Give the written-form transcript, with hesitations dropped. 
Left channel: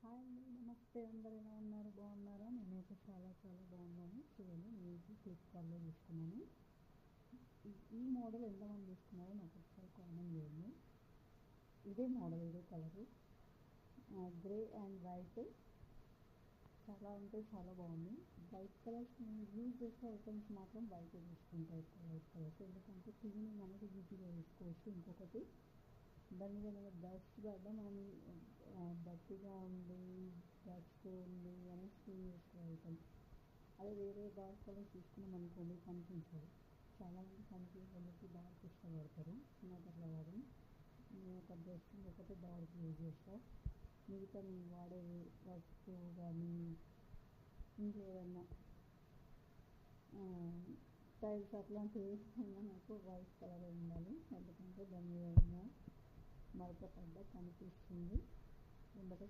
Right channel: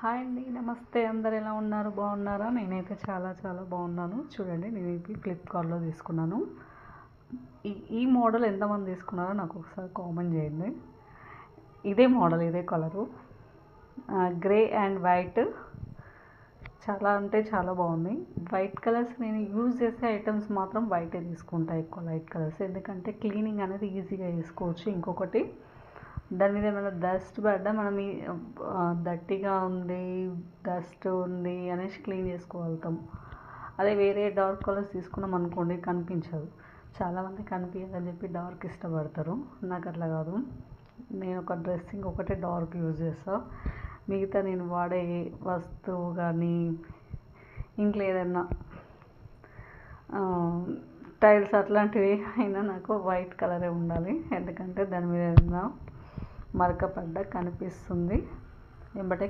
Hi అండి, నమస్తే. అందరు ఎలా ఉన్నారు? బాగున్నారా? నేనైతే చాలా చాలా బాగున్నాను. చూడండి, నేను ఇది ఫ్లిప్కార్ట్లో తీసుకున్నాను. ఈ మోడల్ ఎంతమంది తీసుకున్నారో నాకు ఒకసారి కామెంట్ చేయండి. ఇదే మోడల్, ఇదే కలరు, గ్రే అండ్ వైట్. చాలా అంటే చాలా బాగుంది. వైట్ కలర్స్ నేను యూజ్ చేసే ఐటమ్స్ మాత్రం వైటే తీసుకుంటా, ఎక్కువ లైట్ కలర్స్, ఎందుకంటే క్లీనింగ్ అనేది ఈజీగా చేసుకోవచ్చు. ఇంకొకటి, దాని మీద ఏమైనా డస్ట్ పడ్డా మనం దట్టిగా ఉంది, డస్ట్ ఉంది అనేసి క్లీన్ చేసుకోగలుగుతాం. అదే వేరే డార్క్ కలర్స్ తీసుకున్నాం అనుకోండి, కనిపించదు. చాలామంది కనిపించదని చెప్పి డార్క్ ఇష్టపడతారు. నాకు అట్లా కాదు. నేను ఒక డ్రెస్సింగ్ ఒకటే డార్క్ యూజ్ చేస్తాను. మిగతా నేను వాడే వస్తువు కానీ ఇంట్లో ఏదైనా టైల్స్ అట్లాంటివి అయినా నాకు వైట్ కలరే ఉండాలి. ఎందుకంటే దాని మీద ఏదైనా మరక పడ్డ కనిపిస్తుంది, వెంబటే